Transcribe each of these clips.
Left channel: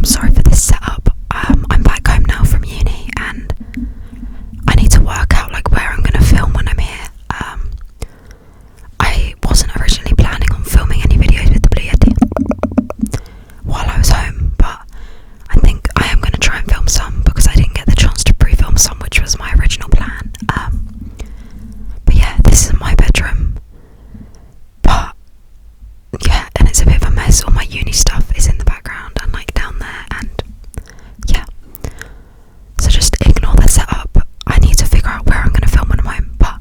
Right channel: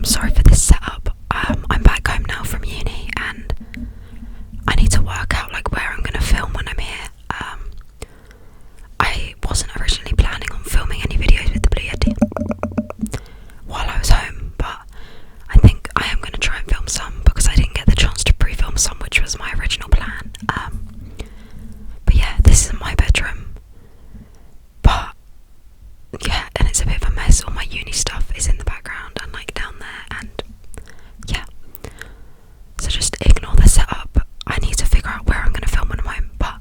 I'm sorry for this setup. I'm back home now from uni and I need to work out like where I'm gonna film when I'm here. I wasn't originally planning on filming any videos with the Blue Yeti while I was home, but I think I am gonna try and film some because I didn't get the chance to pre-film some, which was my original plan. But yeah, this is my bedroom. But yeah, and it's a bit of a mess. All my uni stuff is in the background and like down there, and yeah. So just ignore the setup. I need to figure out where I'm going to film when I'm home. But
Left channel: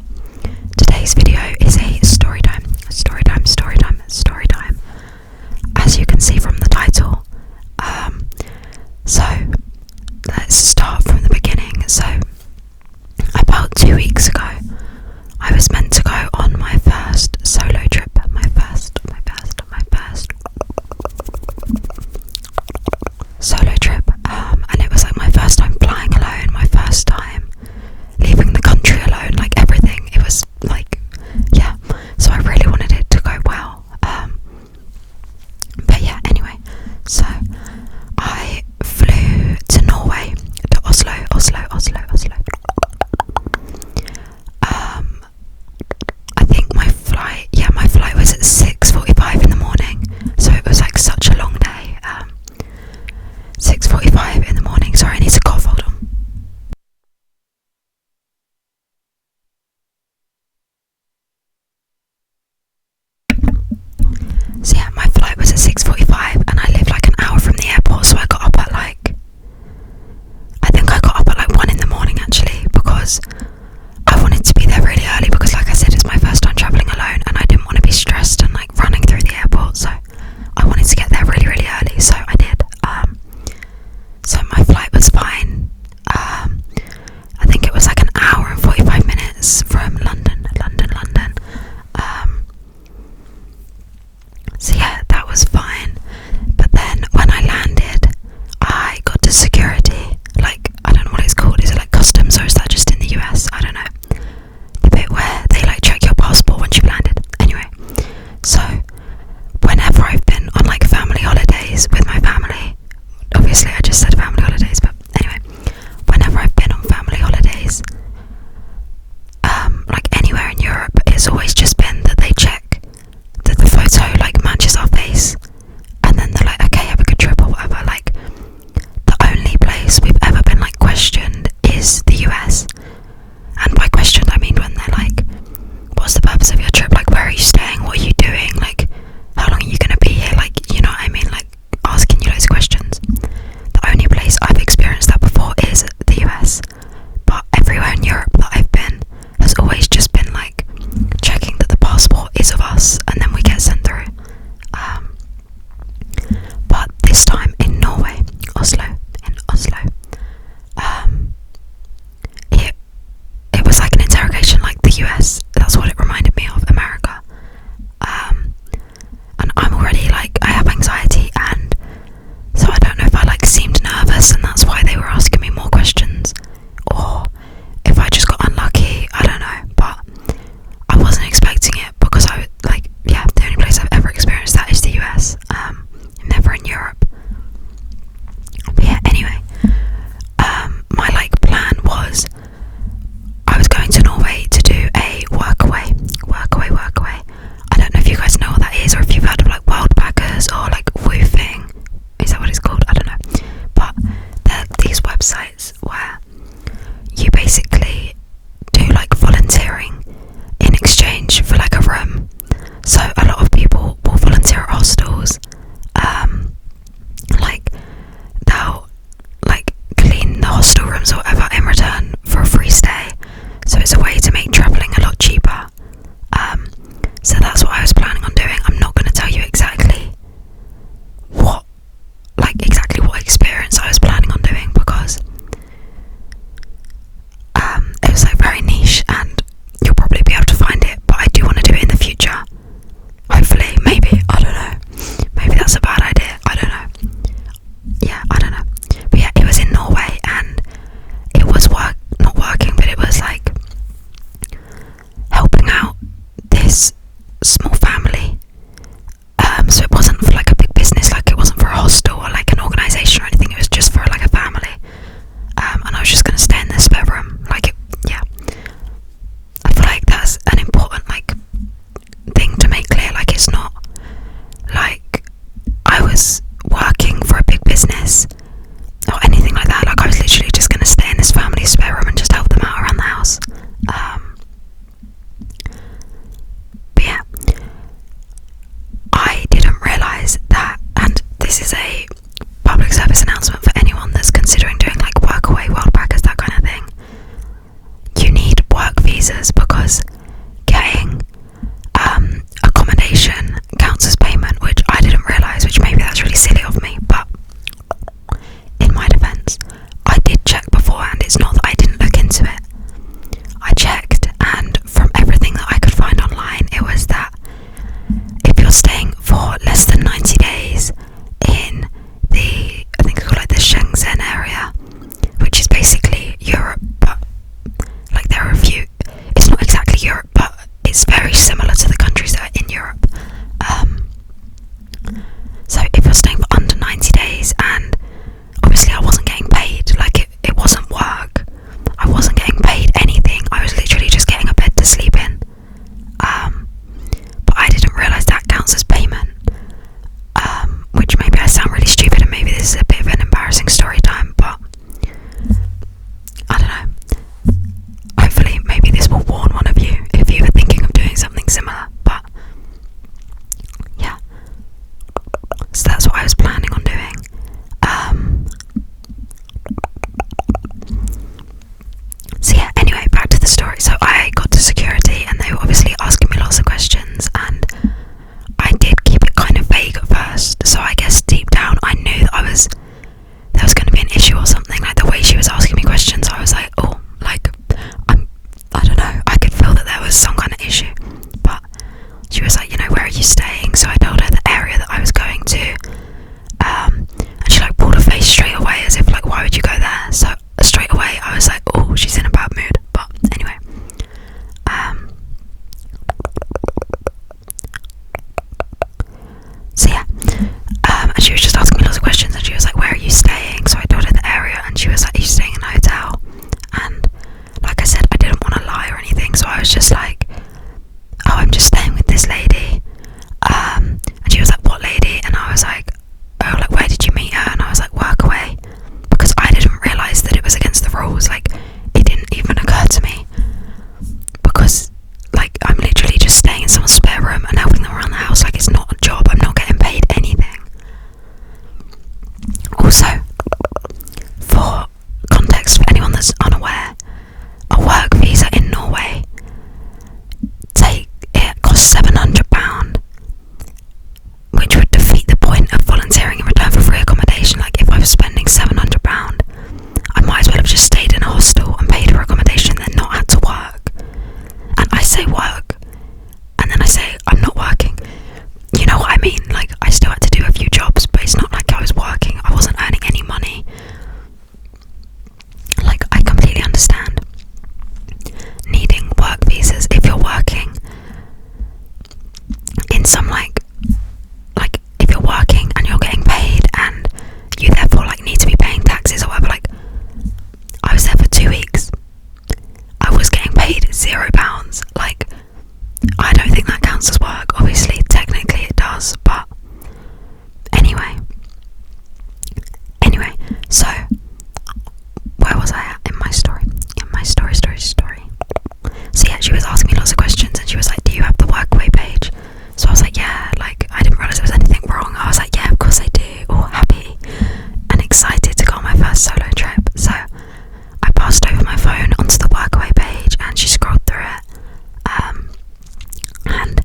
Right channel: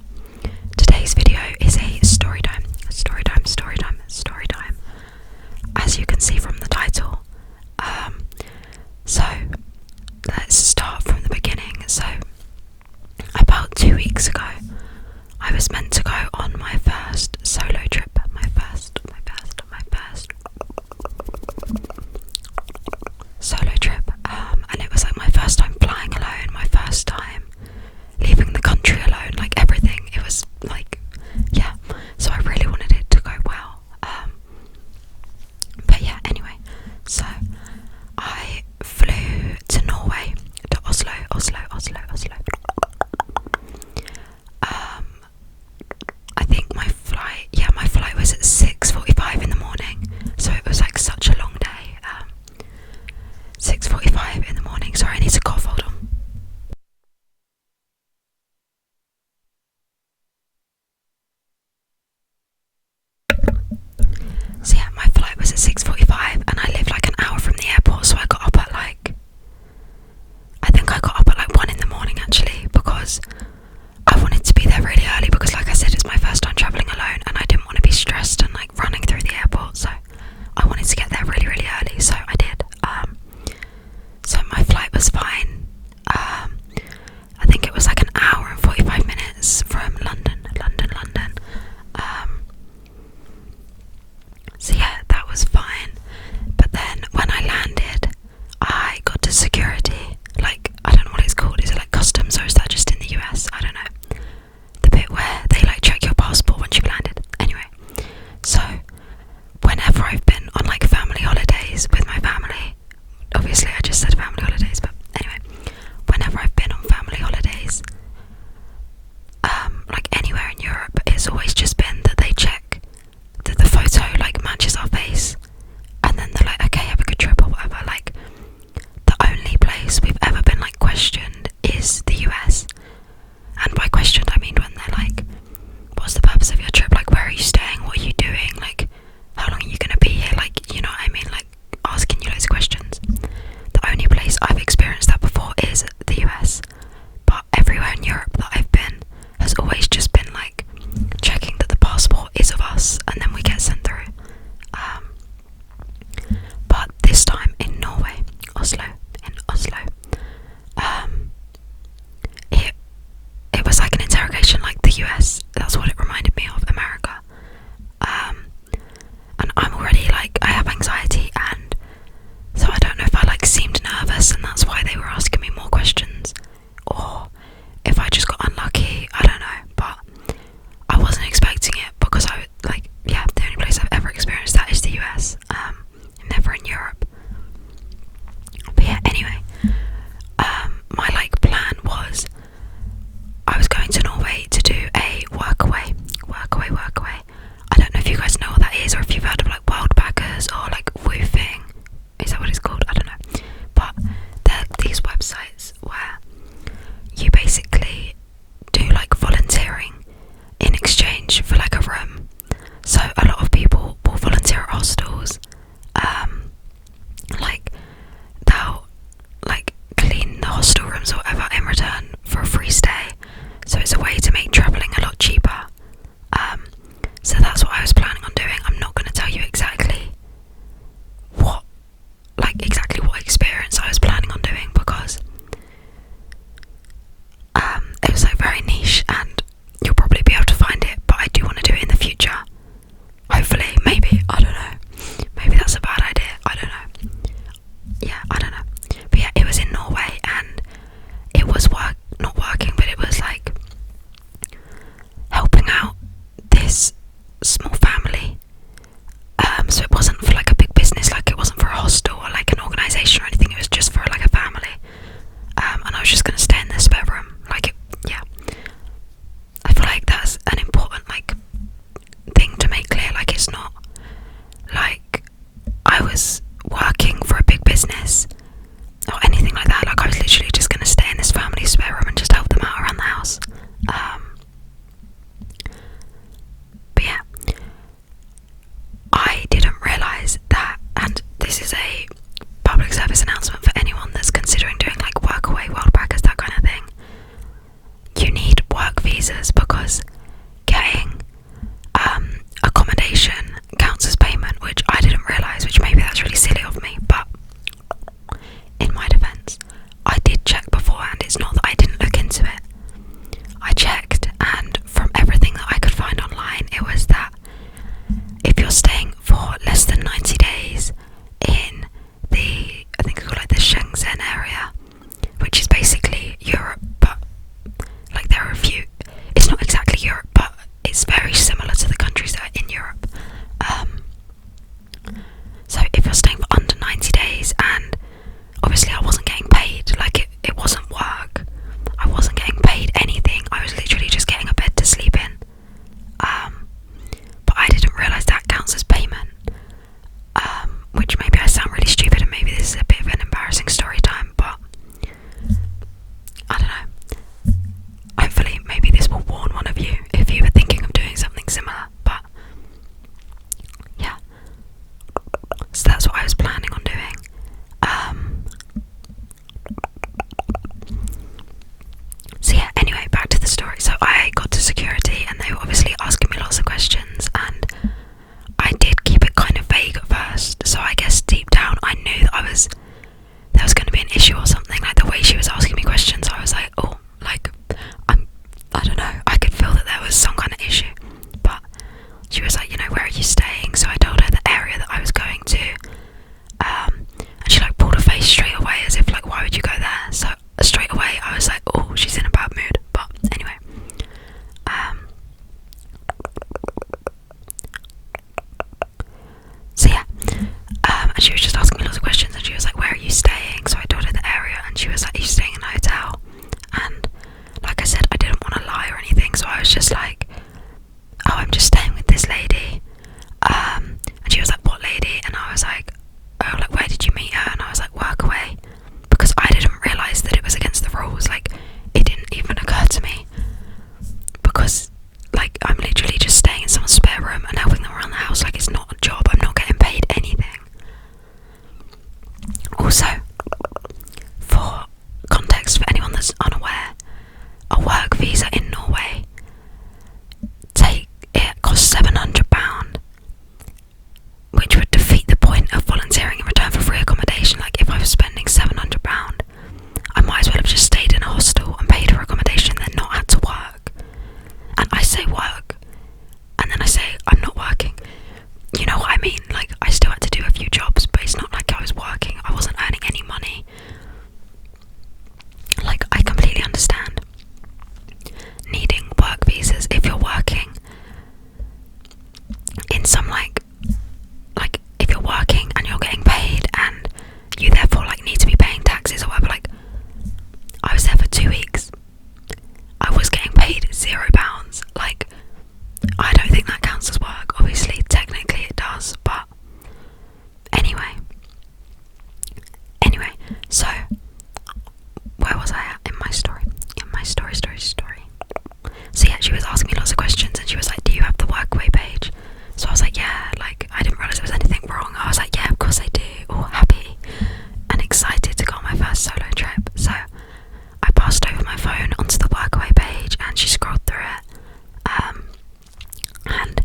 today's video is a story time. Story time, story time, story time. As you can see from the title. So let's start from the beginning. So about 2 weeks ago, I was meant to go on my first solo trip. My first solo trip. And it was like my first time flying alone, my first time leaving the country alone, like everything. It was like, yeah. So I really wanted it to go well. But yeah, anyway. So I flew to Norway, to Oslo. I think my flight was at 6:45 in the morning, so it was like such a long day. 6:45 in the morning. Sorry, I need to cough, hold on. So yeah, my flight was at 6:45 and I lived like an hour from the airport, so I got up at like 1 in the morning actually, because I wanted to be there really early because like I said, it's my first time travelling alone and I didn't want to be stressed and like running through the airport, so I wanted to get there really, really early, so I did. So my flight was fine. I think it was like an hour and 45 minutes from London. So yeah, that was fine. But then when I landed, I got to security. Like, I don't know what it's called. Is it like customs or is that just in the US? I don't know. The bit where they like check your passport once you've landed. Anyway, so whenever I've been on like family holidays with my family, obviously I just said family holidays, but anyway, whenever I've been on family holidays, like anywhere in Europe, it's always just been that they check that the photo like matches our face, and then they're like, okay, have a good trip or whatever. Like, the only place we've ever been like questioned is the US, and by questioned I mean when they're like, what's the purpose of your trip, like where are you staying, what are you doing, like how long are you gonna be here, like, you know what I mean, like asking you loads of questions. The only place I've experienced that before is the US, but everywhere in Europe that I've been has always just been like checking that the passport is of us and then we get sent through. But this time in Norway, Oslo, it was like an interrogation like the US. That's what it reminded me of, America. And I'm already like, I have anxiety, and so I don't know if I like seemed nervous and that's why they were asking me more questions, or if I just got unlucky, I don't know, but I wasn't expecting it because I like, yeah, the only place I've ever experienced that is the US, never in Europe. But yeah, anyway, my like plan was I was going to Norway to do a workaway. I don't know if you guys know what that is, or if you've heard of like world backers or like woofing. Is that what it's called? I don't know. But there are these websites where you basically do like volunteering in exchange for like a room. So a lot of people will volunteer at hostels. Like they'll like clean the hostel rooms or whatever in return for a free stay. So it's a way to make travelling a lot cheaper. So that's what I was planning on doing. I'm not going to tell you exactly what experience I was planning on doing because it was like very niche and you'll probably be able to find it, but I do want to do it in the future. Hopefully, maybe, I don't know. Maybe that's a bad idea, I don't know. Yeah, I don't know. But yeah, it was in Norway and it was not working, but it was like helping out this small family. So it wasn't for like a big business, like it wasn't for a hostel or like an organisation or anything. service announcement for anyone that's considering doing like workaway, world packers, that kind of thing. You need work visas because getting accommodation counts as payment, which I didn't realise, which maybe that's really silly of me, but in my defence, I did check beforehand. It's not that I didn't look into it. I checked, and from everything that I could find online, it was that if you're staying for less than 90 days in the, I think it's called like the Shenzhen area, which is basically Europe, but like there are a few, it's not exactly Europe, but it's very similar to the countries that are in Europe. So if you're staying for under 90 days, and obviously I wasn't getting paid, like it wasn't work, I wasn't getting paid anything, I was literally just getting a bed to sleep in, but I didn't realise that counts as payment, which maybe I sound really stupid, and maybe this is a bit of an embarrassing story time, but I don't know, hopefully maybe this will warn one of you if you were thinking of doing something similar. But yeah, so that's what I was planning on doing. So yeah, anyway, back to the story. So I got to security and they were obviously asking me lots of questions, and I did keep it kind of vague at first, so I guess deep down I knew that there was going to be an issue or something. Like the way she was asking me questions, I was like, oh, like I don't know, I could feel that there was some kind of issue. But she was like, you know, where are you staying? So I told her the area that I was going to, and she like pulled her face straight away as if like, why would you go there? So straight away I was like, oh, she's in a bad mood. But anyway, so yeah, and she was just asking me lots of questions, and she was like, where are you staying? So I told her the area, and she was like, are you staying in a hotel? And like I said, I didn't want to lie or anything, so I was just like, oh, I'm just staying with this lady. And she was like, what lady? And I was like, oh, like where did you meet her? And I was like, workaway, because I didn't realise that it was against the rules. Like it didn't even occur to me, because like I'm literally just staying in someone's spare room and helping them around the house. Like it's not a job, I'm not getting paid anything. Also, for context for anyone that's unaware, a work visa in Norway costs £700, which would defeat the point of volunteering in return for free accommodation. Like if I was spending £700, I might as well have just stayed in a hostel and paid for accommodation, then not had to work. And I say work, and then I say I'm not working. You know what I mean? Like I still had to do a few jobs, but it's not like I was working. I wasn't earning any money. Like I completely understand needing work visas if you're working in some like if you're working and you're getting paid, and you therefore like need to be paying taxes or whatever. Like I was there for 2 weeks, I was getting paid £0. Like I don't think that counts as work. Obviously technically it does, but anyway, so where was I at in my story? So yeah, she was asking me lots of questions, and she was like, do you have the workaway page? So I was like, yeah, like I didn't realise there was anything wrong. I was like, yeah, of course I do, all happy and excited to go on my first solo trip. So I passed over my phone onto the workaway page, and she scrolled through it, and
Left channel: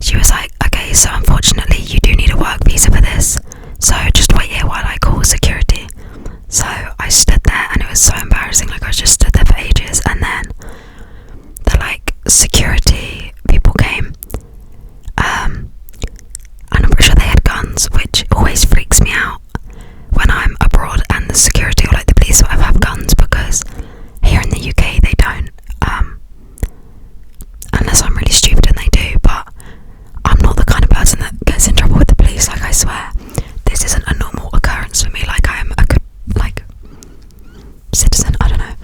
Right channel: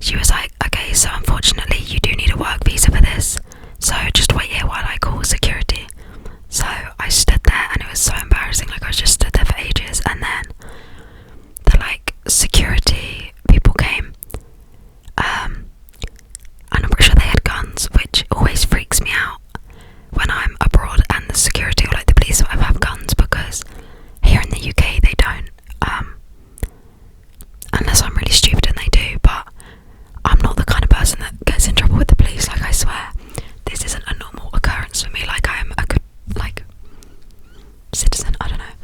she was like, okay, so unfortunately you do need a work visa for this, so just wait here while I call security. So I stood there, and it was so embarrassing. Like I was just stood there for ages, and then the like security people came, and I'm pretty sure they had guns, which always freaks me out when I'm abroad and the security or like the police or whatever have guns, because here in the UK they don't, unless I'm really stupid and they do. But I'm not the kind of person that gets in trouble with the police. Like I swear, this isn't a normal occurrence for me. Like I am a good like citizen, I don't know,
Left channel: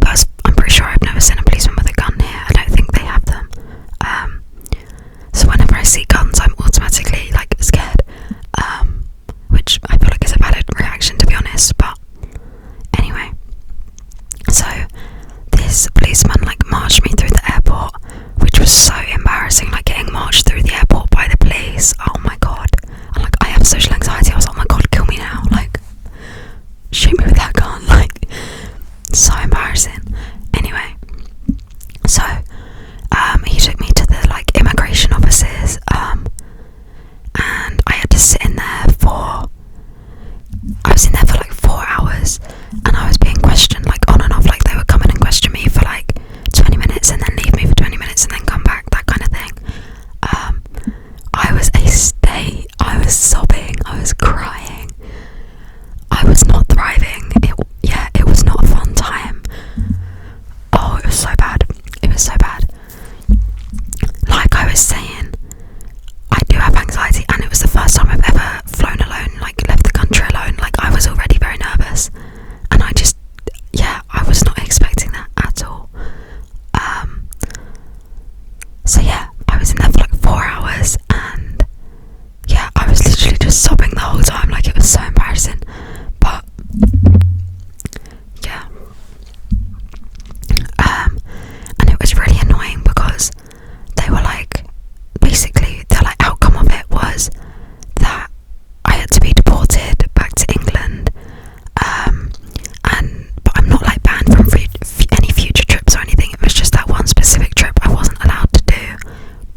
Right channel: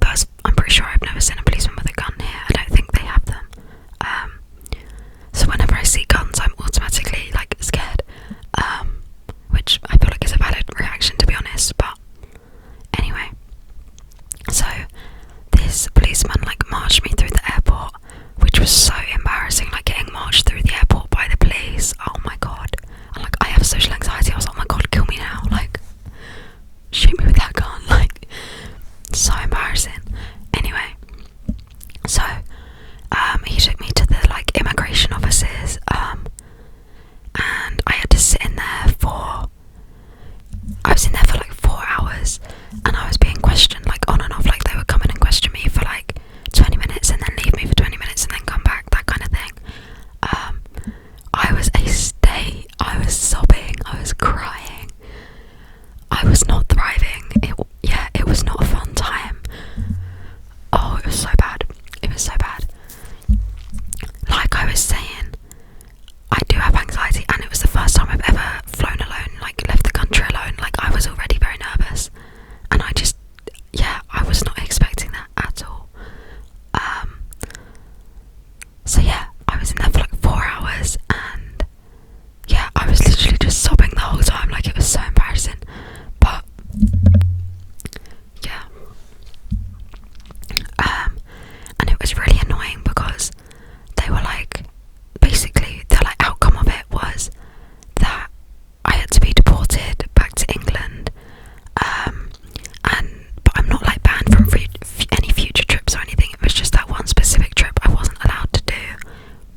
but I'm pretty sure I've never seen a policeman with a gun here. I don't think they have them. So whenever I see guns, I'm automatically like scared, which I feel like is a valid reaction, to be honest. But anyway, so this policeman like marched me through the airport, which was so embarrassing. Like getting marched through the airport by the police, oh my god. And like I have social anxiety, I was like, oh my god, kill me was in there for like 4 hours, and I was being questioned like on and off. Like they would come in and question me for like 20 minutes and then leave me for 20 minutes and then come back, that kind of thing. I was a state. I was sobbing. I was crying. I was not thriving. It was not a fun time. Oh, it was so bad. It was so bad. Like I was saying, I do have anxiety, and it was the first time I've ever flown alone, like left the country alone. Like I was already very nervous, and I was not expecting that at all. So yeah, I was in there for like 4 hours, and yeah, I was literally just sobbing the whole time. Like it was so embarrassing, but yeah. And it was really annoying because they were like, basically the like outcome of it was that I had to be deported back to England, but I'm not like banned from any future trips or anything. It was just that one specific trip I wasn't allowed to do.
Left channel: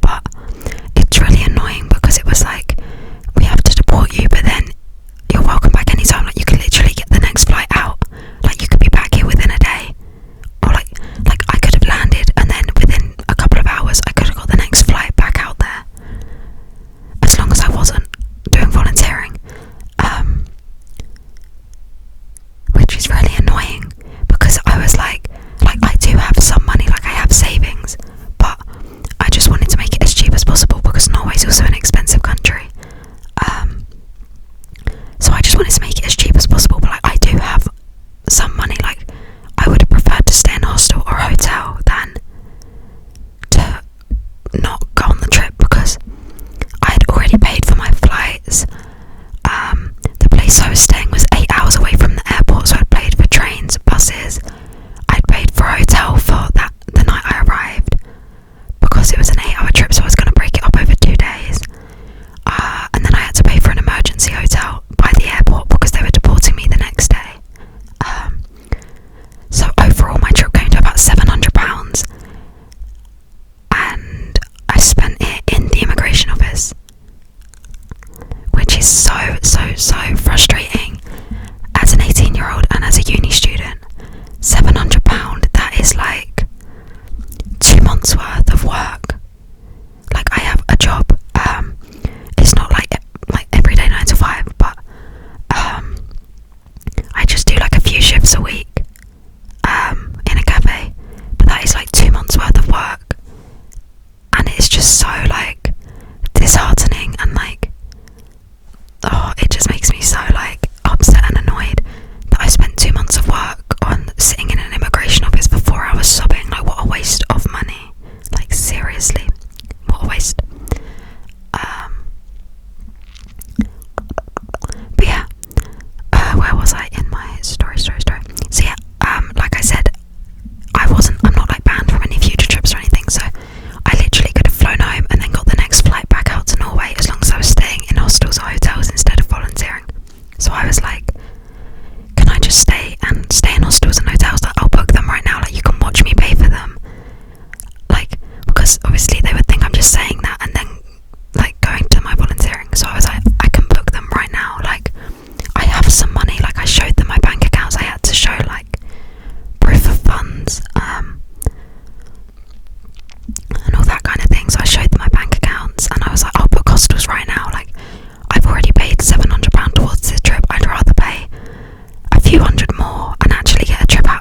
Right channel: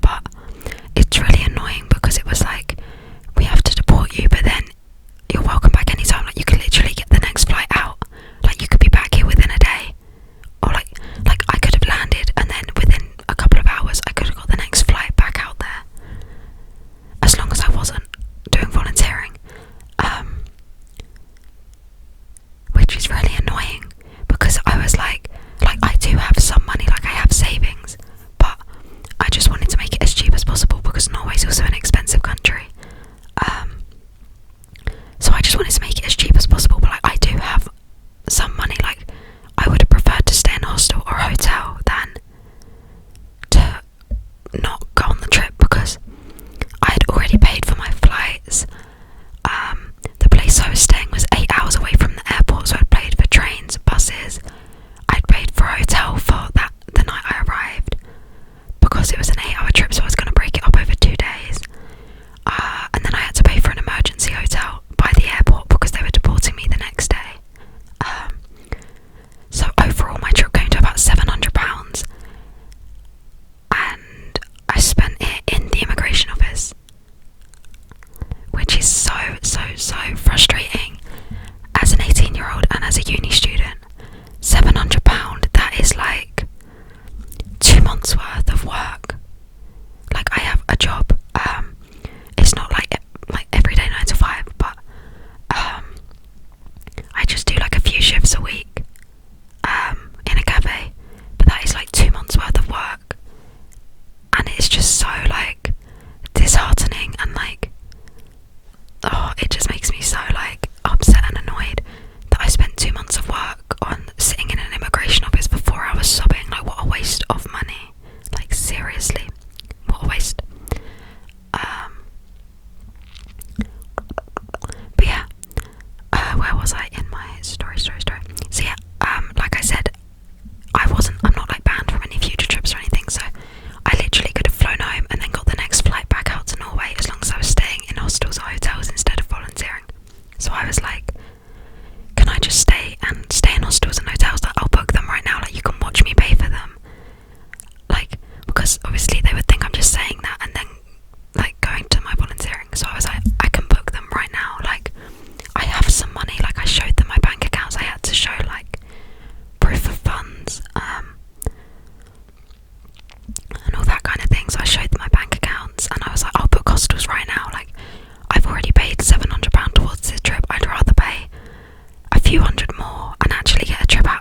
But it's really annoying because it was like, we have to deport you, but then you're welcome back anytime. Like you could literally get the next flight out. Like you could be back here within a day, or like I could have landed and then within a couple of hours I could have got the next flight back out there, as long as I wasn't doing volunteering, which is really annoying because I was like I do have some money, like I have savings, but I just wanted to make it as cheap as possible because Norway's also an expensive country. So I just wanted to make it as cheap as possible, but like I do have some money. Like I would have preferred to stay in a hostel or a hotel than to not go on the trip because I had already paid for my flights. The place I was staying was 8 hours away from the airport, so I'd paid for trains, buses. I'd paid for a hotel for the night I arrived because it was an 8-hour trip, so I was going to break it up over 2 days. And then I had to pay for an emergency hotel by the airport because they were deporting me the next day. So overall my trip came to about £700, and I spent it in the immigration office, which is so frustrating as an 18-year-old and as a uni student. £700, that is like 2 months worth of work. Like I have a job, it's not like everyday 9 to 5, but I just do like a few shifts a week in a cafe, but that is like 2 months worth of work, and it's just so like disheartening, and like it just makes me so like upset and annoyed that I spent 2 months of work on sitting in an immigration office for 4 hours sobbing. Like what a waste of money, like seriously, what a waste. But yeah, where was I in my story? So yeah, like I said, I'm not like banned from any future trips or anything, so I literally could have flown home and then got the next flight back out to Norway as long as I was staying in hostels or hotels instead of volunteering. So I was like, can I just stay in hostels and hotels? Like I'll book them right now, like you can watch me pay for them. Like, because obviously they would think I'm just saying that and then like going to my volunteering. So I was like, I can book them right now. Like I have some money. Like I showed them my bank accounts. I had to show like proof of funds, and all that kind of thing. So I showed them my bank accounts and I was like, I'll book hostels right now. Like I've already paid £700 towards this trip. I'd rather pay a few hundred more and actually get a trip out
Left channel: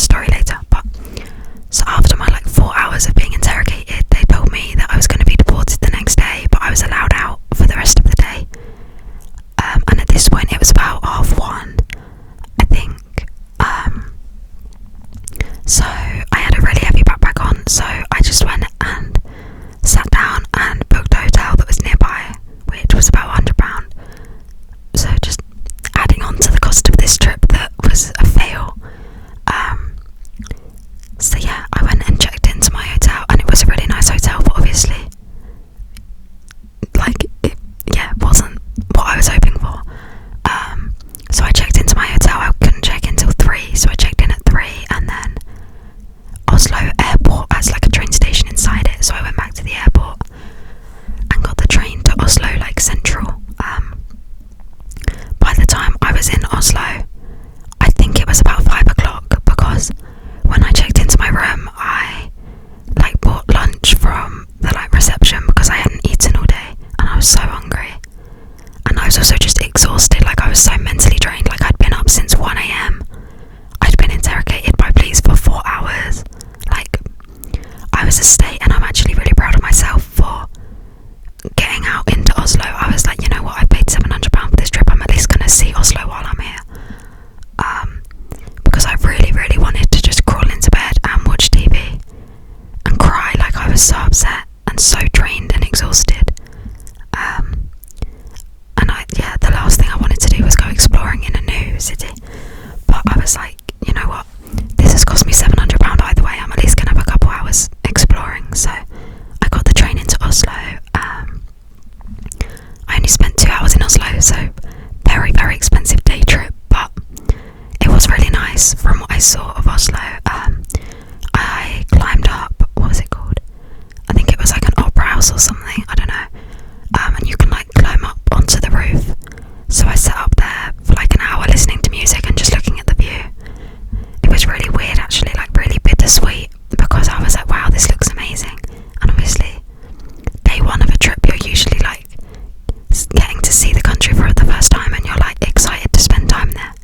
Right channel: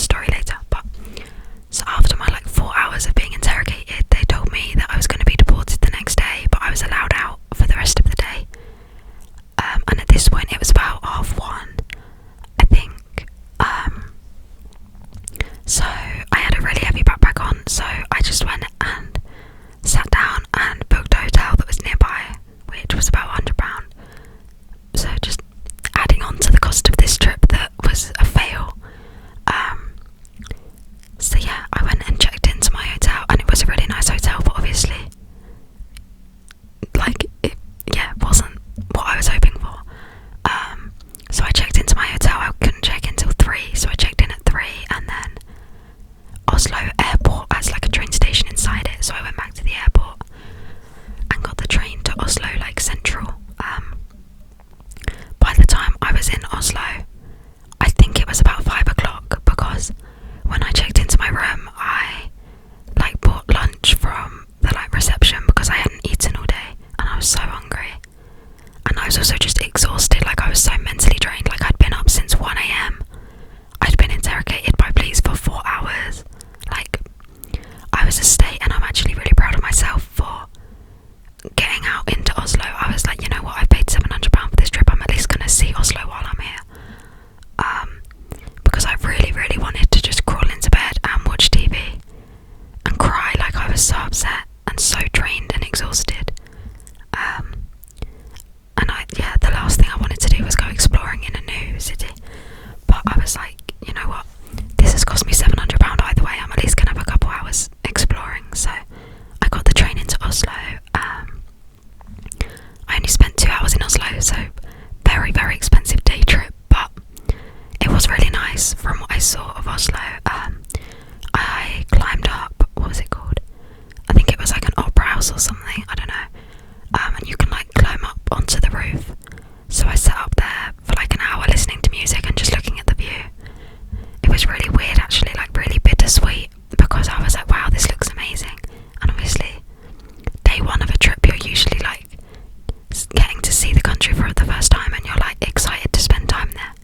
story later. But so after my like 4 hours of being interrogated, they told me that I was going to be deported the next day, but I was allowed out for the rest of the day. And at this point, it was about 1:30, I think. So I had a really heavy backpack on, so I just went and sat down and booked a hotel that was nearby, which was about £100. So just adding on to the cost of this trip that was a fail. So yeah, I went and checked into my hotel, and it was a really nice hotel, but obviously it wasn't what I was hoping for. So I checked into my hotel. I couldn't check in till 3, so I checked in at 3, and then Oslo airport has like a train station inside it, so I went back to the airport and got the train to Oslo, like central. By the time I was in Oslo, I think it was about 5 o'clock, because when I checked into my room, I like bought lunch from the like reception because I hadn't eaten all day and I was so hungry. And I was also just exhausted, like I was so mentally drained, like I'd been up since 1 a.m. I'd been interrogated by police for 4 hours. Like, I was a state, and I'm actually really proud of myself for getting out into Oslo. I was like, you know what, I paid £700 for this trip, I'm at least going to see Oslo while I'm here. Because I really, really wanted to just crawl into bed and watch TV and cry, like I was so upset and so drained and exhausted. And the last thing I wanted to do was go exploring in a new city. But I was like, you know what, this has cost me £700 either way, I'm at least going to have a couple hours exploring. So I got the train into Oslo. I only spent 2 hours in Oslo, so very, very expensive day trip, but it was really nice from what I saw of Oslo. I climbed up, what was it called? I think it was like an opera house or something, I don't know. And you can like climb up onto the roof. So I sat up there for like an hour listening to music and just looking at the view. It was really weird actually, like really bittersweet, because I was like, wow, this looks amazing. And obviously, day one of a trip, you're usually like getting to see the country for the first time and you're like excited to spend time there.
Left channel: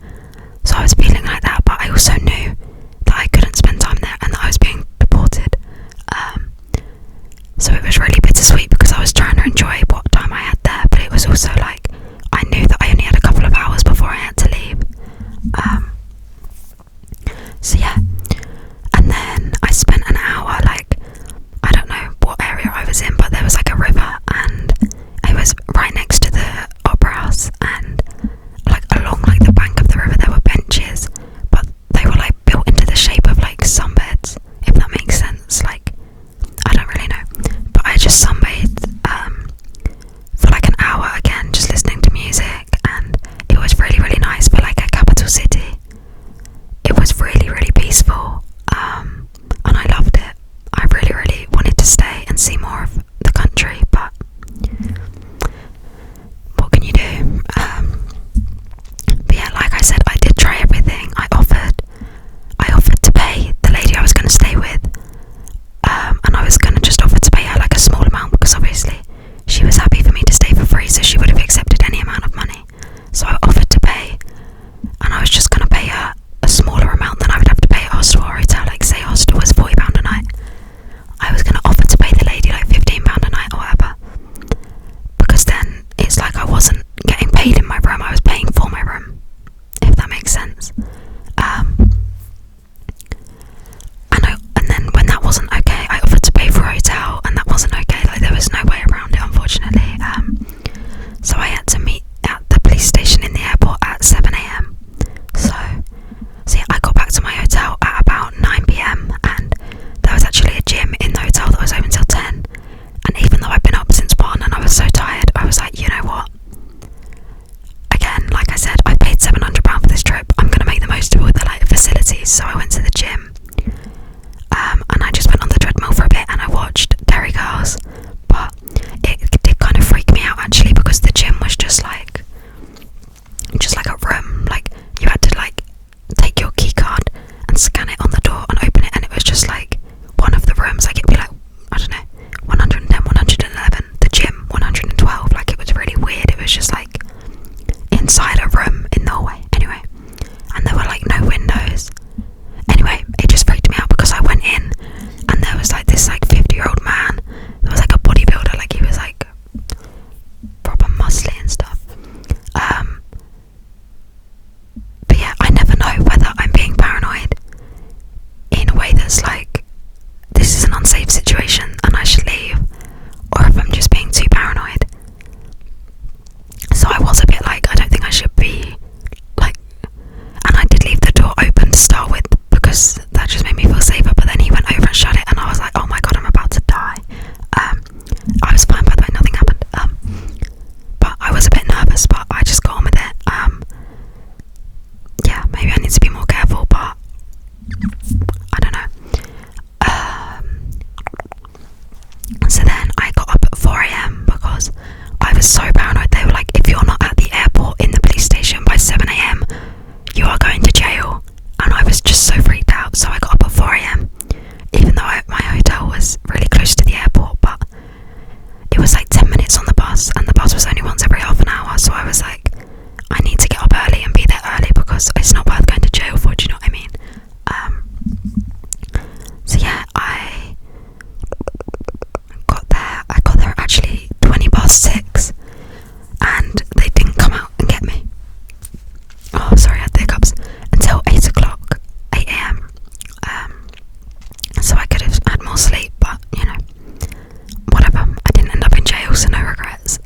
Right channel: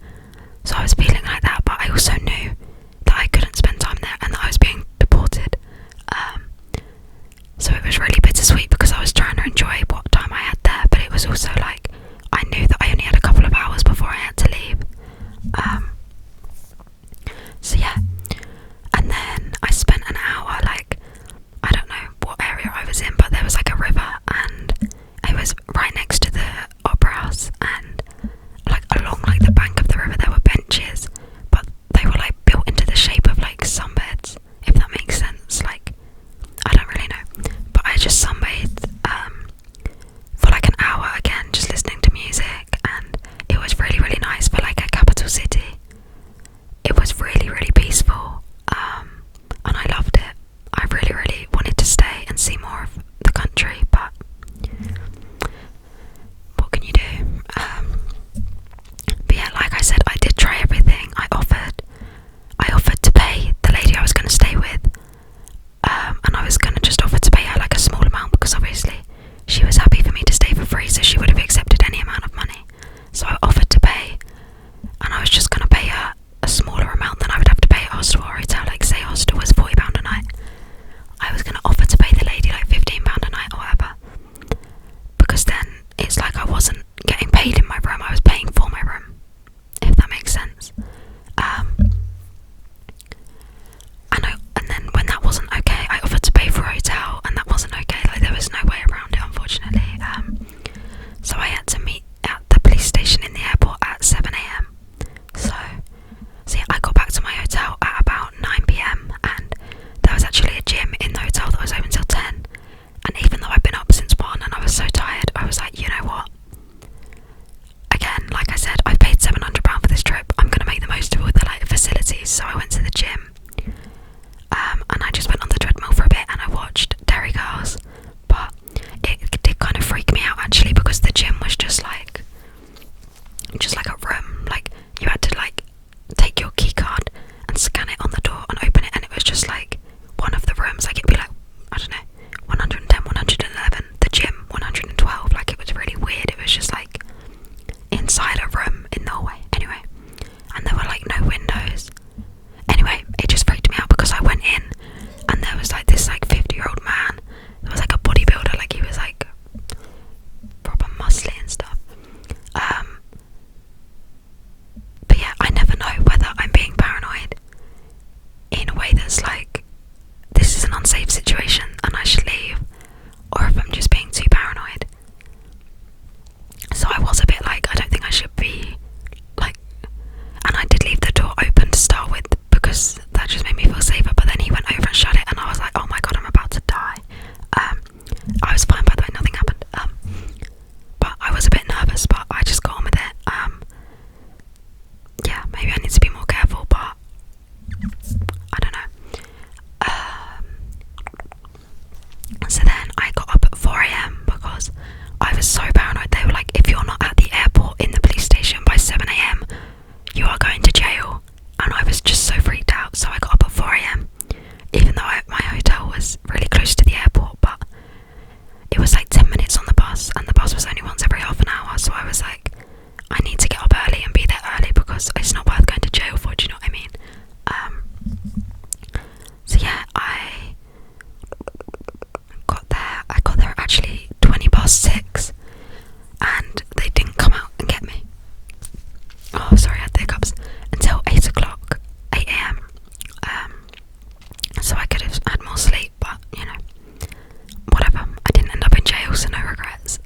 So I was feeling like that, but I also knew that I couldn't spend time there and that I was being deported. So it was really bittersweet because I was trying to enjoy what time I had there, but it was also like I knew that I only had a couple of hours before I had to leave. So yeah, and then I spent an hour, like, I don't know what area I was in, but there was like a river and it was right next to the opera house, and like along like the bank of the river there were benches, but they were like built into the shape of like sunbeds, if that makes sense. Like, I don't really know, but I just sunbathed for like an hour again, just listening to music, and it was really, really nice for like a capital city. It was really, really peaceful, and I loved it. I really, really wanted to stay and see more of the country, but what can you do? But yeah, like I said, I did try everything. I offered to pay the lady I was going to stay with, and I was going to just offer to pay her like a small amount, because obviously she was happy for me to stay for free, so she would have accepted any amount of money. So I offered to pay, and I was just going to pay her a smaller amount than I would have to pay at hostel or hotel. Like, say hostel was £40 a night, I was going to offer to pay the lady like £15 a night or whatever, because then it's like I wasn't getting paid in my room, I was paying for my room, if that makes sense. And then when that wasn't okay, I offered to pay for a hotel, and that wasn't okay. Like, there was no way around it, unfortunately. So I had to meet at the police station in the airport at 7 a.m. So yeah, I got back to my hotel at about 9 p.m. and there was actually a gym in the hotel that was open till 10. And even though I'd been up since 1 and I was so tired, I was like, you know what? Again, like I said, I paid £700 for this trip. I'm going to make the most of all the like facilities. So I went to the gym. And I just went on the treadmill for a bit and I watched Derry Girls, but it did kind of freak me out actually, because the gym was just like a room, like you had to like take your key card and scan it on the door and open it, and it was just like one of the rooms, like it'd be like, I don't know, 110, 111, the gym 112, like it was really weird. It was just like inside a room in the hallway, anyway, and there were like no windows. Anyway, so paranoid. They were like, if you're not at the airport in the police station by 7 a.m, you are going to jail. And I was just so freaked out, so I got up at 4 a.m, even though my hotel was really close to the airport, but it was like 10 minutes on the bus, and the bus was only once every half an hour, so I was like, I need to get up early and be there early because it's not worth going to jail for, do you know what I mean? So yeah, I got there actually 20 past 6, and they didn't come out and get me. Oh, sorry, I had the hiccups. Until 8 o'clock, 8 a.m. So I could have had more sleep, but you know, whatever. I didn't end up in jail, so no regrets.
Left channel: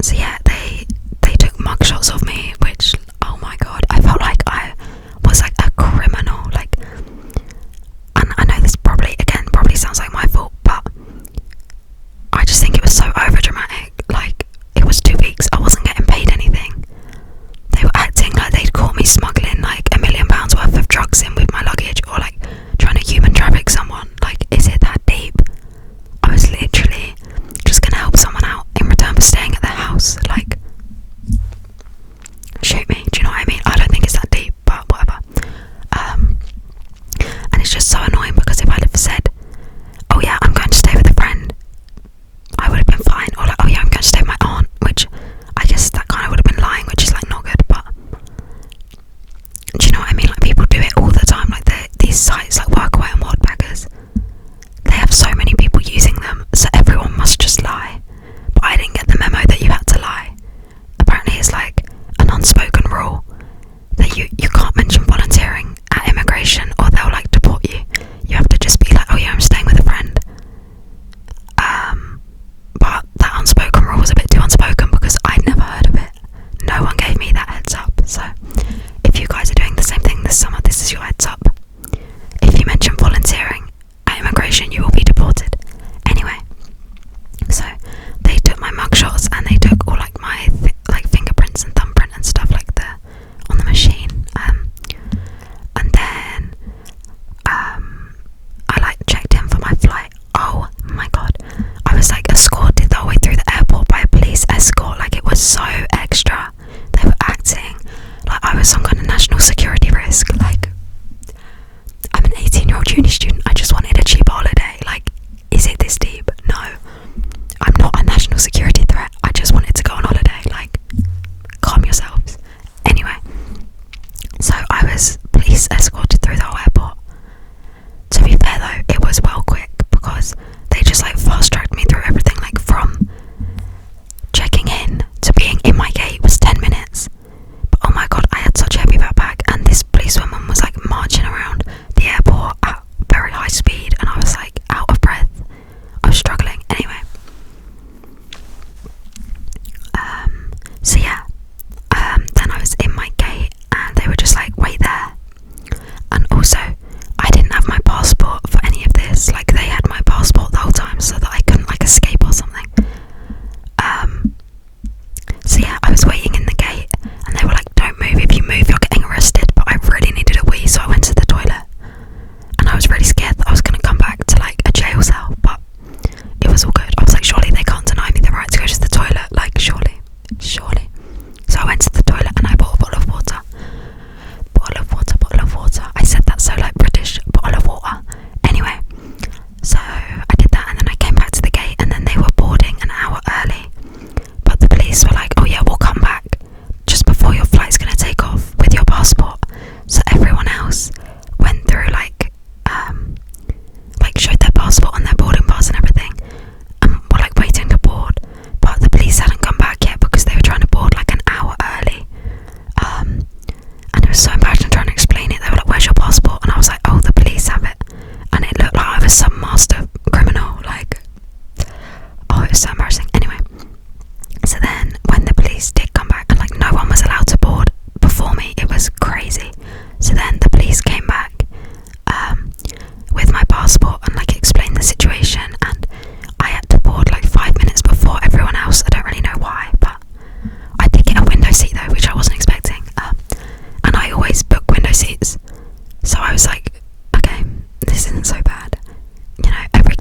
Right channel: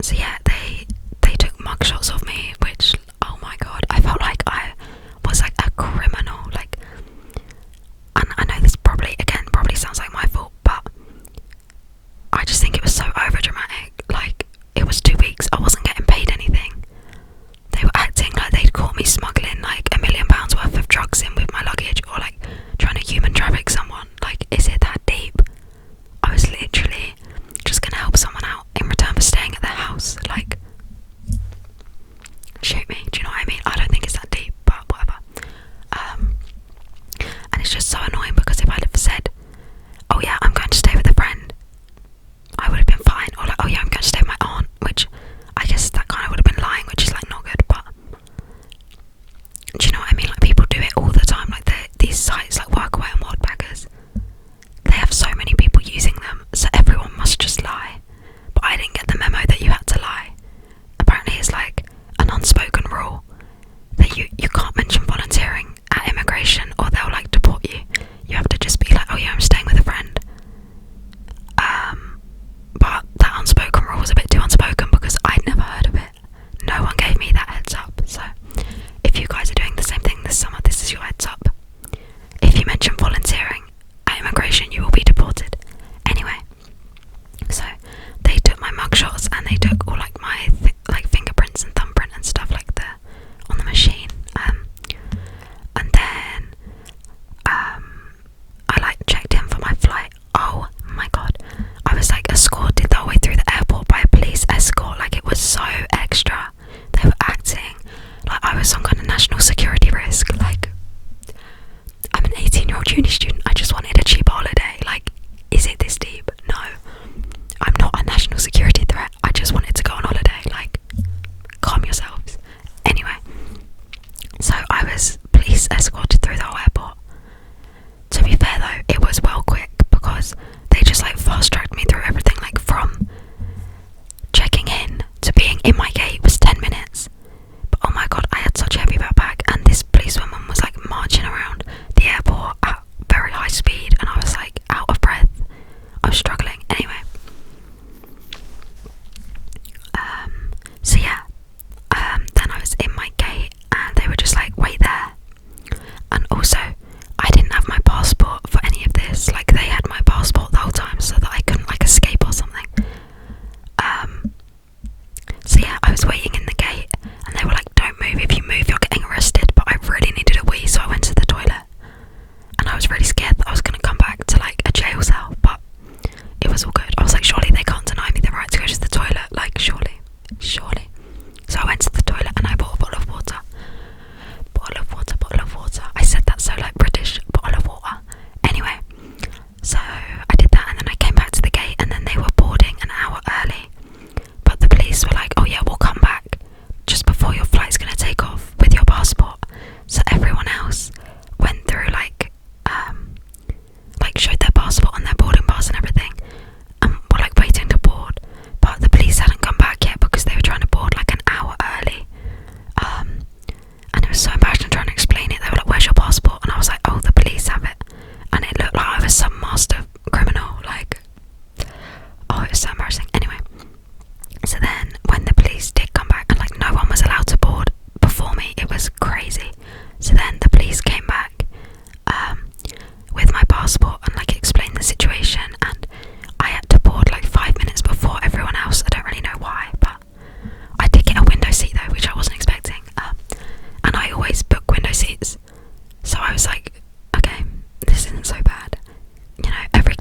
So yeah, they took mugshots of me, which, oh my god, I felt like I was like a criminal. Like, and I know this probably sounds like my fault, but I just think it was so over dramatic. Like, it was 2 weeks, I wasn't getting paid anything. They were acting like they'd caught me smuggling like £1 million worth of drugs in with my luggage, or like trying to human traffic someone. Like, is it that deep? I was literally just gonna help someone out in return for staying at their house. Like, shoot me, do you know what I mean? I don't think it's that deep, but whatever. And it's just so annoying because if I'd have said, oh yeah, I'm going to stay with a friend, I would have been fine. Or like, oh yeah, I'm going to stay with my aunt, which I guess that kind of would have been lying, which is like not good, but do you know what I mean? Like, people do it all the time. Like, these sites like Workaway and Worldbaggers, they have so many people using them, so everyone must just lie. But I didn't get the memo that you had to lie. Apparently it's like an unspoken rule that you can't mention volunteering at immigration or they'll like deport you. You have to just be like, oh yeah, I'm staying with a friend. But that unspoken rule was a bit too unspoken because I'd never heard of it. No one gave me that heads up. So if you guys are doing the same thing this summer, this is your heads up. If you mention volunteering at immigration, you will be deported. Anyway, so they took my mugshots and they took all like my like fingerprints and thumbprint and stuff like that on the machine. And then I like checked in for my flight. Oh my god, I was like escorted the whole way through the airport by a police escort. Like, it was so extra. They were acting like I was some kind of national security risk. Like, I'm an 18-year-old uni student, I just wanted a cheap holiday. Like, is it this deep? No, I'm not a national security threat, I just wanted to go on holiday. Like, calm yourselves. Anyway, so I was police escorted through the whole airport. To be fair though, it was well quick because they just like fast tracked me through everything. Like, from checking in to being in my gate was 10 minutes. But oh my god, I had such a heavy backpack, and this policewoman was like marching around the airport at very high speed, and I was like out of breath. I was struggling. Anyway, so yeah, then I was in my gate and they were just like, wait there. And also, I didn't have my passport for any of this. Like, they had my passport the whole time so that I couldn't like escape or something. So yeah, I was waiting in the gate and they were like, don't move, if you move you're getting arrested. But I really needed a wee, so I went to the toilet, and I was really scared that I was going to come back to like a jail cell, but it was all good. I was like, surely they can't deny me the right to go to the toilet, like surely. So I went to the toilet and I bought a bottle of water. I said that so like British, bottle of water. Anyway, so I did that and then I came back to the gate, and then they were boarding an hour early. But the police were like, oh yeah, we'll come back just before your flight's going to take off with your passport. So everyone else went through like showed their passport and their boarding pass and everything, and were like waiting to board. But the police hadn't come back yet because they were trying to board like an hour early. And it was so embarrassing trying to explain it. They were like, where's your passport? And I was like, oh, the police have it. And it looked like I was some master criminal. Like, oh, it was so embarrassing. Anyway, so then when the police did come back, and like no one was allowed to board before me, it was crazy. So then the police came back with my passport and like explained the situation, and I had to board like 5 minutes before everyone else. I don't really know why, but I did get a window seat though, which I wasn't expecting. And I always book window seats, so I was like, okay, this isn't so bad. You know, every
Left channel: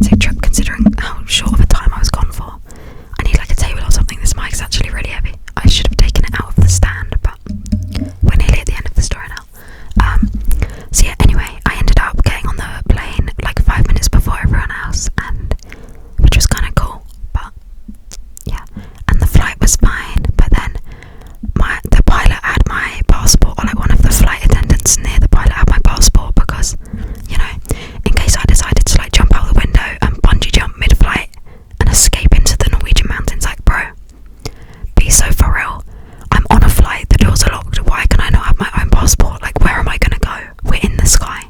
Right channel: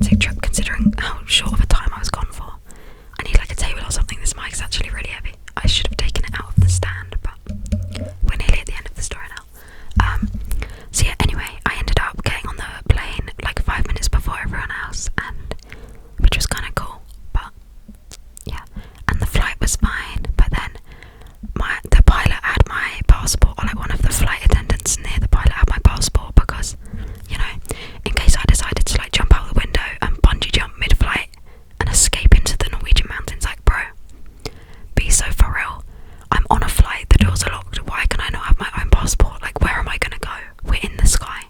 dramatic trip considering how short of a time I was gone for. I need like a table or something. This mic's actually really heavy. I should have taken it out of the stand, but we're nearly at the end of the story now. So yeah, anyway, I ended up getting on the plane like 5 minutes before everyone else, and which was kind of cool, but yeah, and the flight was fine, but then the pilot had my passport, or like one of the flight attendants near the pilot had my passport, because, you know, in case I decided to like jump out the window and bungee jump mid-flight and escape into the Norwegian mountains. Like, bro, be so for real. I'm on a flight, the doors are locked, why can I not have my own passport? Like, where am I gonna go? We're in the sky.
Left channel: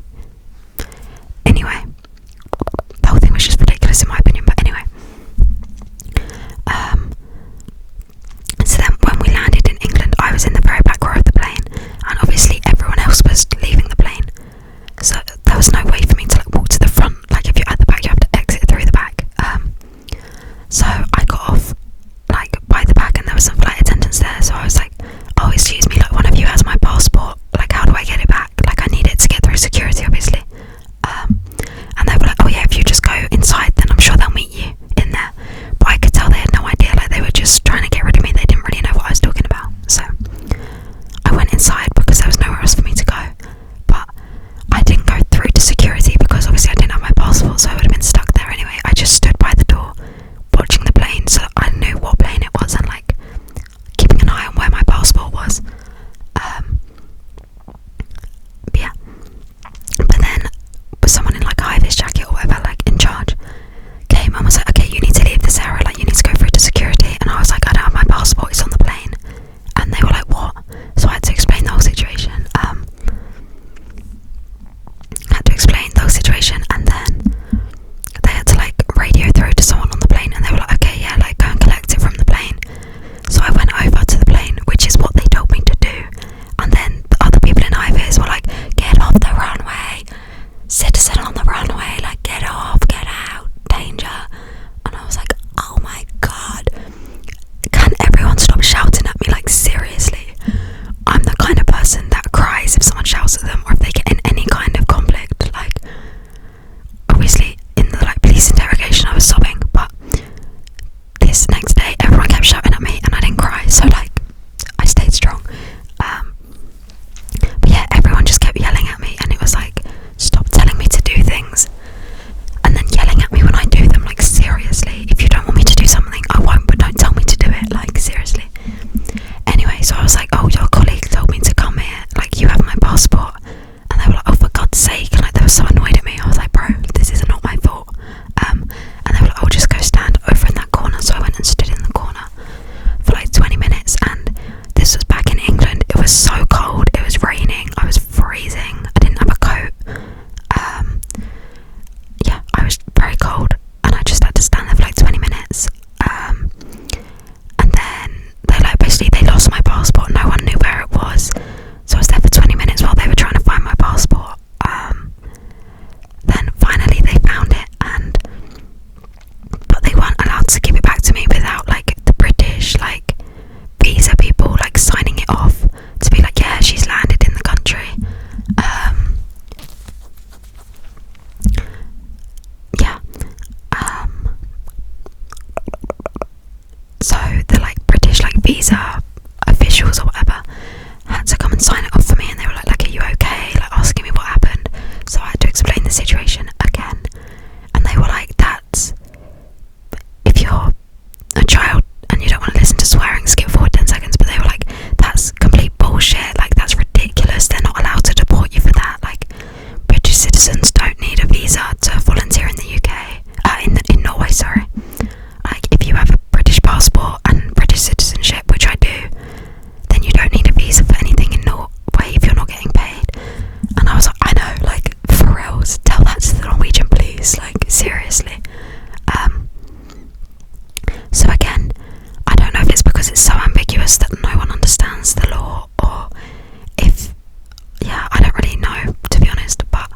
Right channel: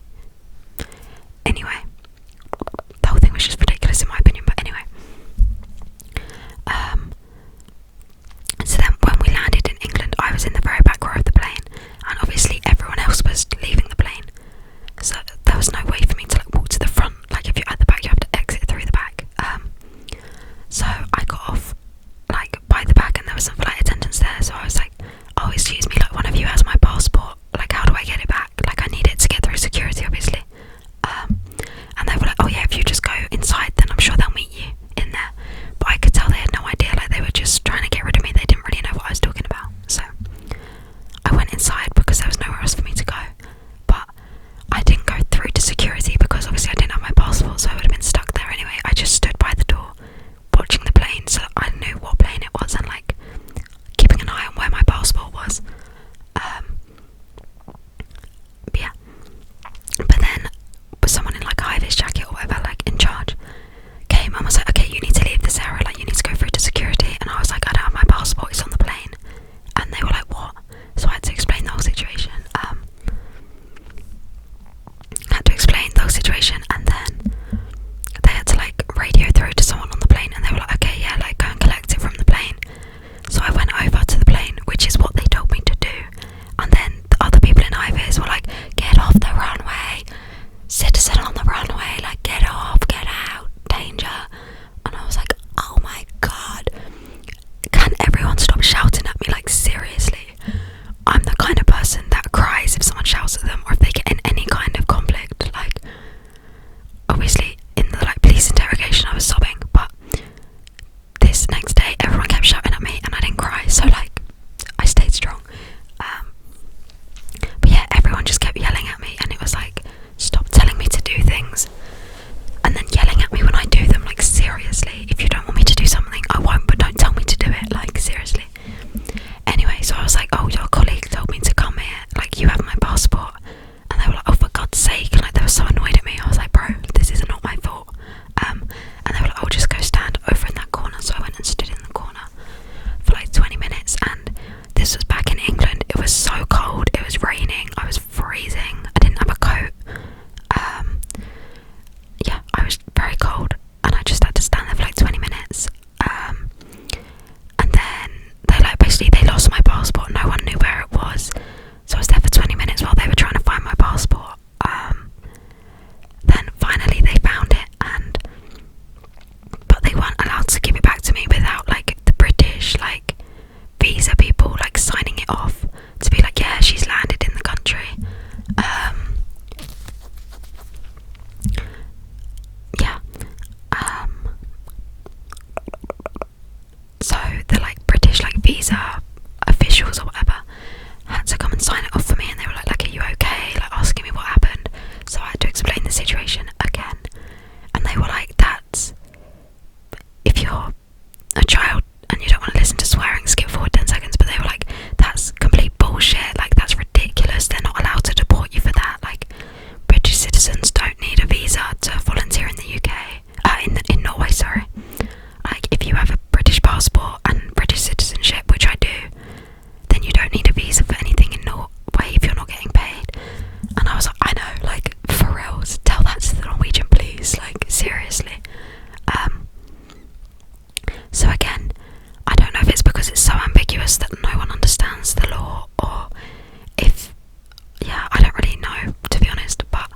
Anyway, the whole thing was just ridiculous in my opinion, but anyway. So then when we landed in England, I was in the very back row of the plane, and obviously everyone else was leaving the plane, so there was no way for me to like walk to the front. Like, if you're at the back, you have to exit through the back. So I got off like by the back, and there was some flight attendants there, so I was like, oh, excuse me, like, one of you has my passport, like, how do I get it back? Like, I need it to get through security, obviously. And they were like, oh yeah, if you just go inside, then I'm sure they'll meet you in there. But I could tell they had no idea, like, they were just trying to get rid of me. They didn't really know what I was talking about. So I went inside because there was nowhere else for me to go, but I didn't go through to security because obviously I didn't have my passport, so I would have been stuck there anyway. I just stood by the door watching the plane, so I knew what plane it was and like keeping an eye on where my passport was. Yeah, but then someone in like a high-vis jacket or whatever, like in charge, came and was like, okay, you need to leave this area, like you need to go through to security. And I was like, I don't have my passport, it's on the plane. And they were like, what? So I had to explain the whole situation. And then they had to like radio through to someone on the plane, and they were like, okay, yeah, like go and collect it from the plane. So I went over to the plane, which is what they told me to do, and then the other people in high-vis were like, get off the runway, citizen on the runway, like get off, get out, danger. And I was like, oh my god, can everyone stop shouting at me? Like, seriously, I'm the kind of person that cries if someone shouts at them, or if they get in any kind of conflict. Like, obviously in the like police interrogation I was sobbing, but this next day everyone kept shouting at me and I didn't cry, so like I stayed strong. But yeah, everyone just kept yelling at me, and it was like, stop telling me to do things and then yelling at me when I do them. Like, seriously, if you don't want me to do something, I won't, but don't tell me to do it. Like, seriously. Anyway, so I was like, oh, your colleague told me to come here, like, you have my passport. And they were like, oh, for God's sake, and like they were so annoyed at me. I was like, bro, this is not my fault. And they were like, oh, just go stand over in that corner. So I went and stood in the corner for like 20 minutes, and this was back in England. It was so cold, it was raining, I was freezing, I didn't have a coat. Yeah, I was very cold, and I just had to stand there for like 20 minutes. And then they like basically they lost my passport, no one knew where it was, so I was there for 20 minutes while they were trying to find my passport. Then finally they found it, but they weren't allowed to give it back to me without like the British like visa people like signing it off to be like, yeah, she's landed in the country. So the like British like visa officials or whatever had to come and sign it off for me, and they were like, are you okay? Like asking me what happened. So I had to explain the situation again, and they were like, that's, if you're a child and you don't want to listen to swearing, skip forward 10 seconds. But they were like, that's complete bullshit, like that's ridiculous, they're not allowed to deport you for that. Like, British citizens don't need a visa to volunteer in the UK, in Norway, sorry. Like, if you have a British passport and British citizenship, which I do, then you don't need a visa for anything in Norway if you're not getting paid. And I was like, I know, like, for reals, tell that to the Norwegian police, like, seriously. So again, I don't know if it's because it's so ambiguous that no one understands the law, or if, yeah, I don't really know, to be honest, but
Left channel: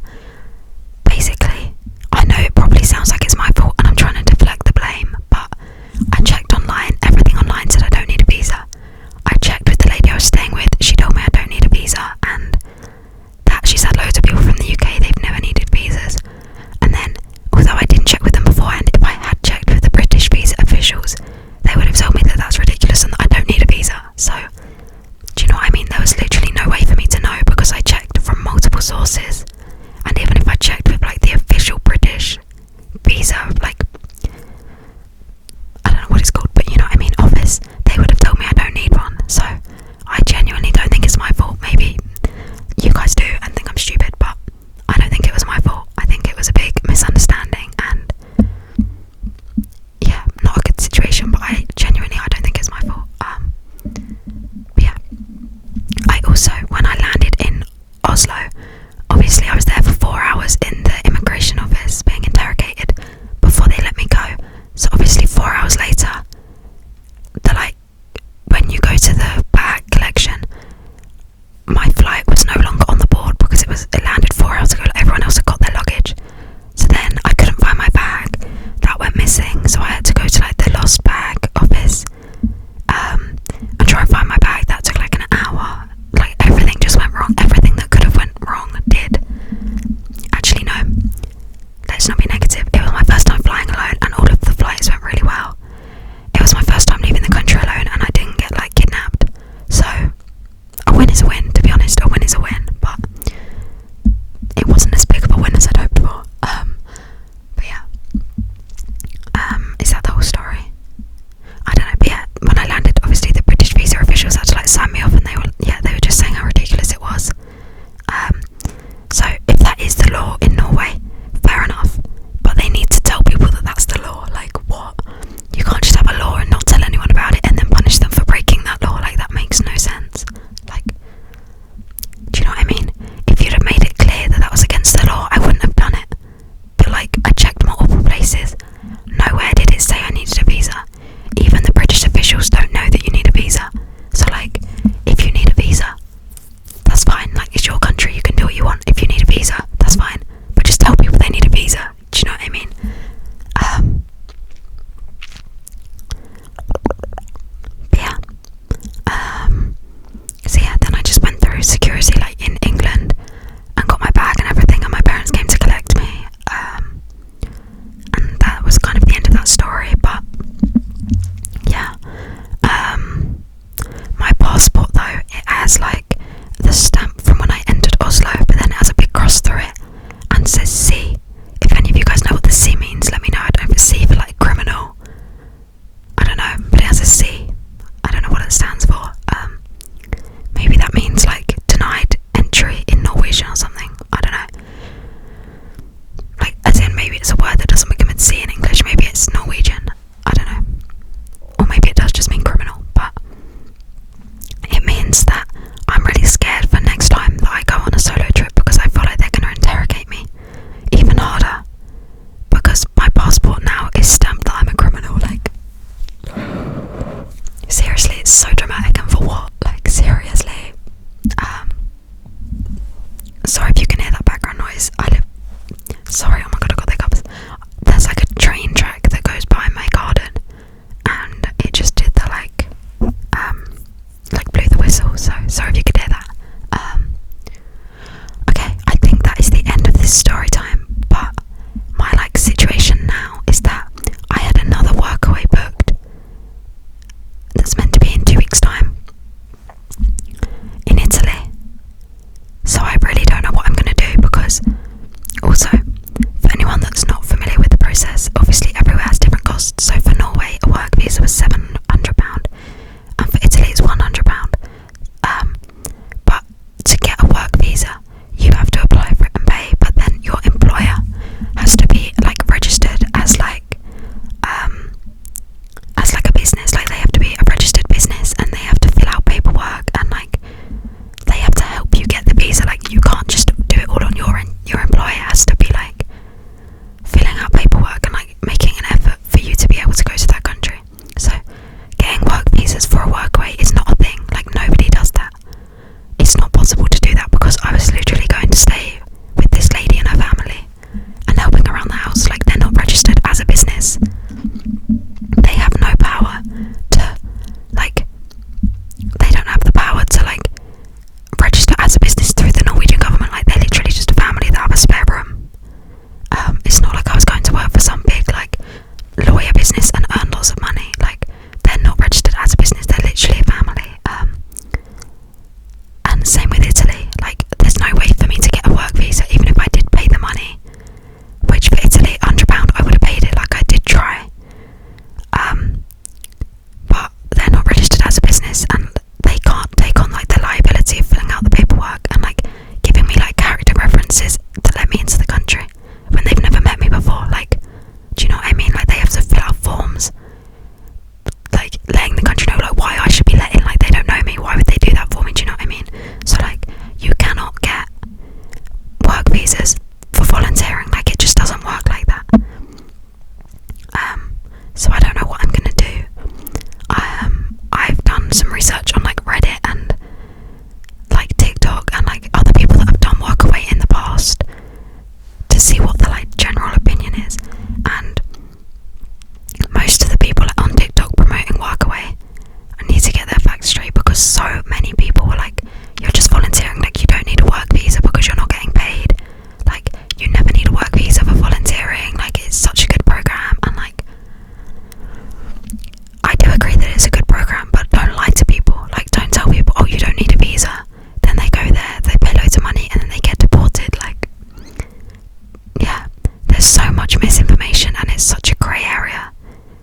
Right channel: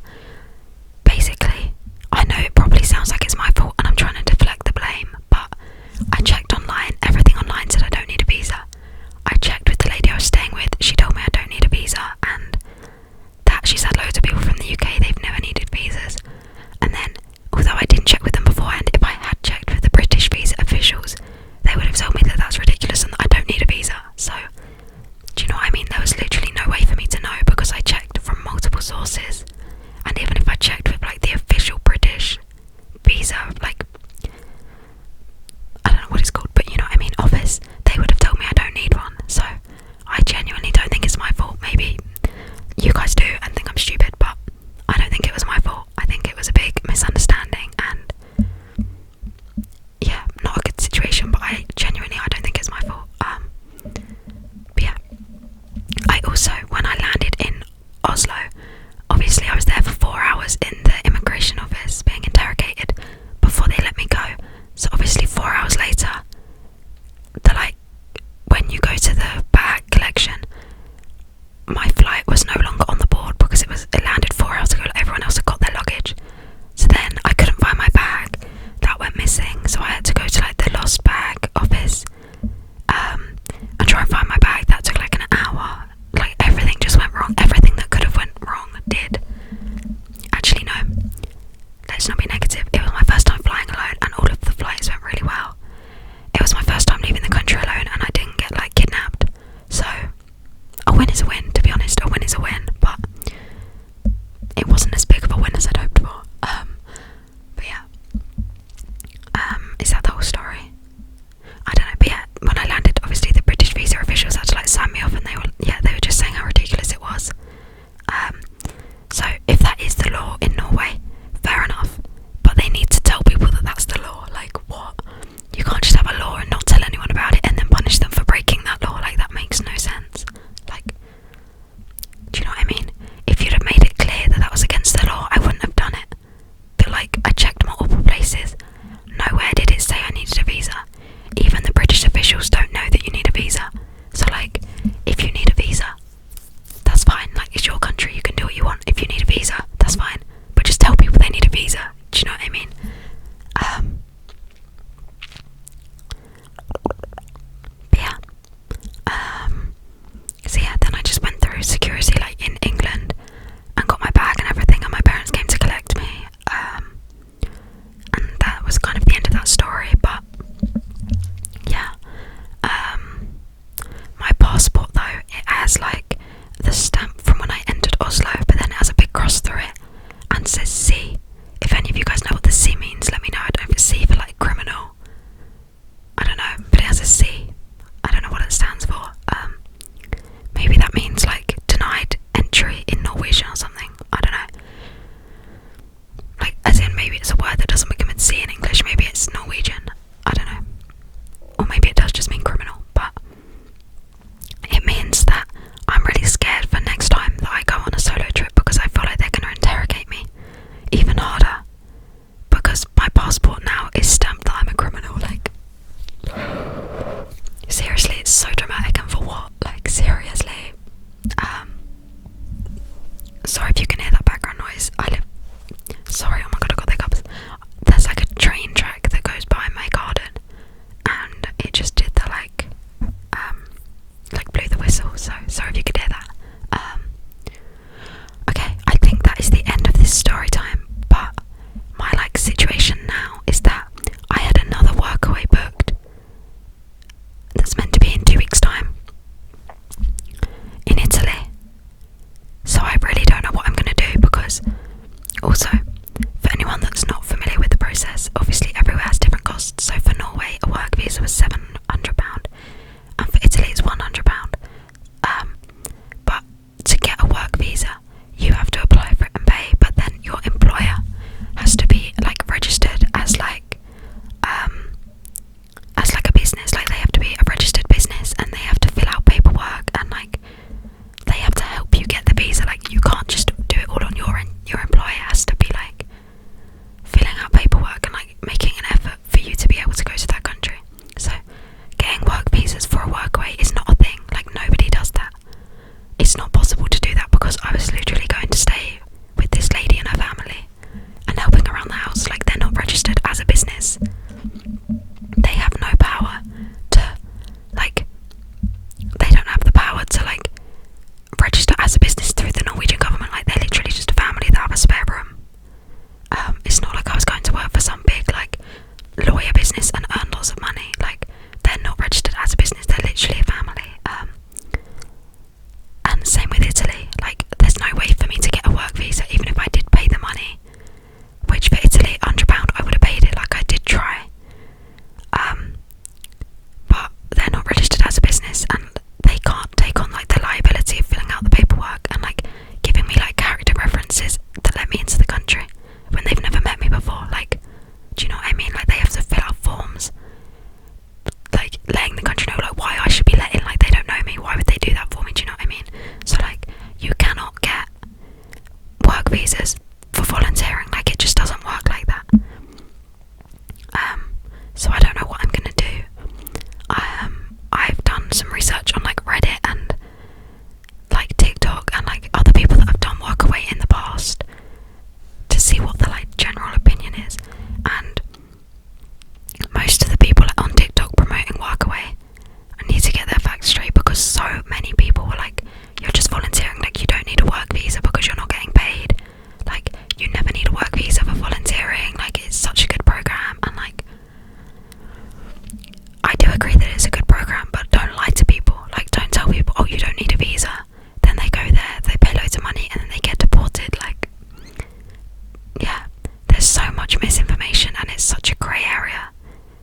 much misinformation and it's such a grey area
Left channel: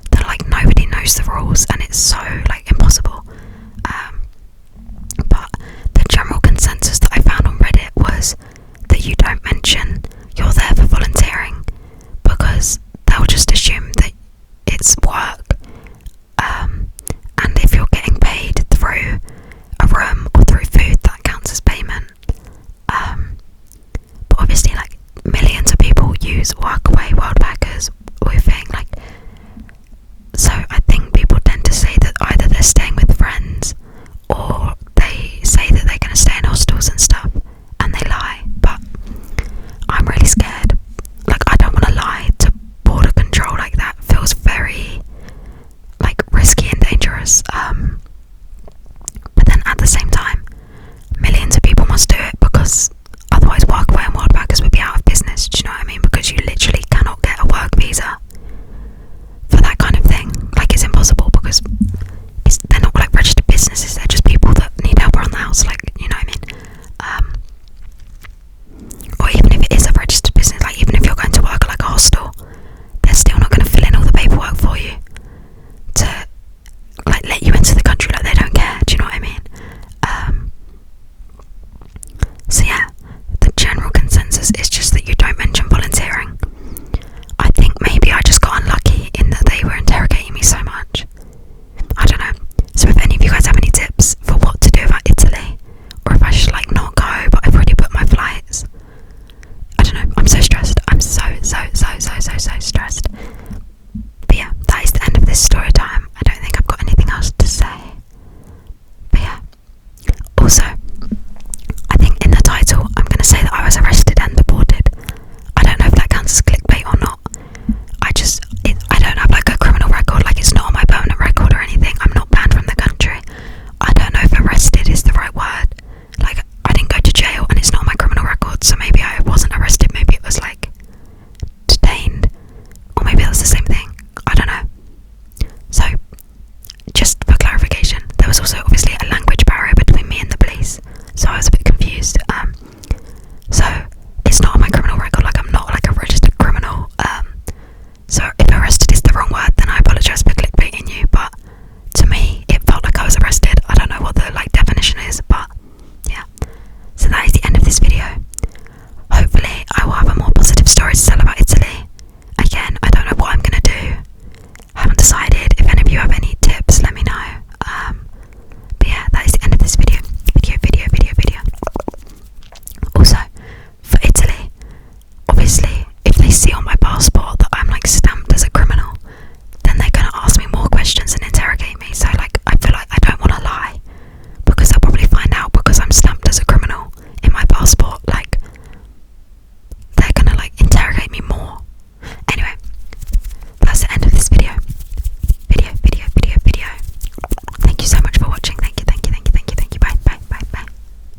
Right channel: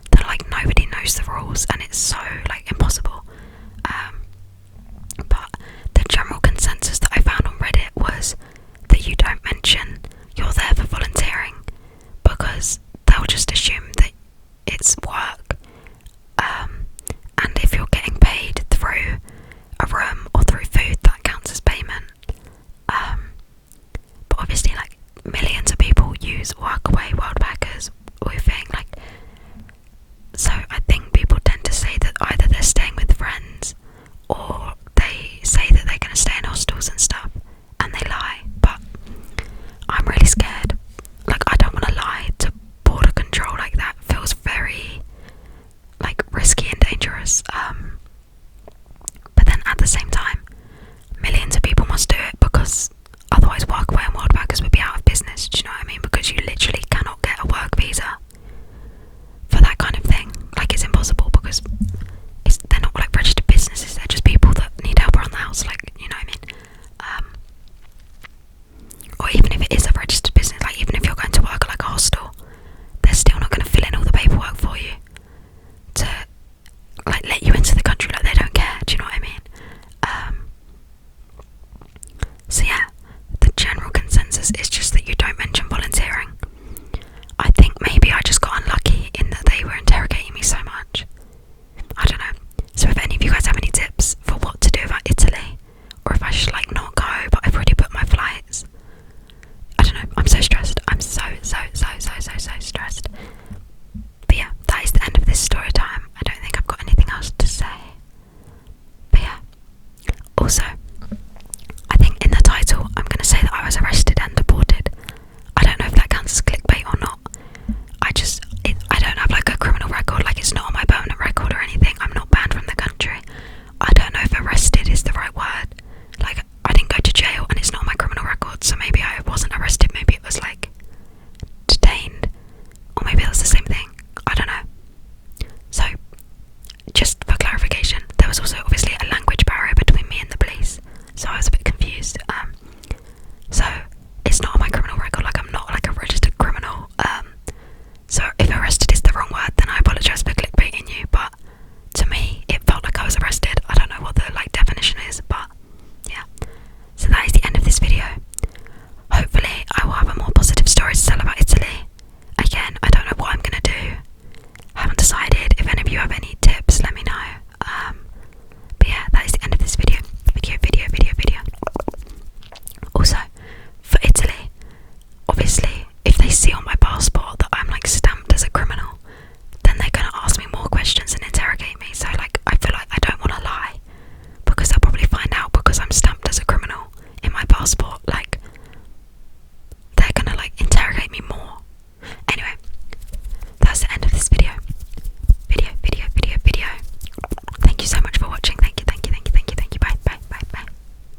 that like nobody knows the rules, and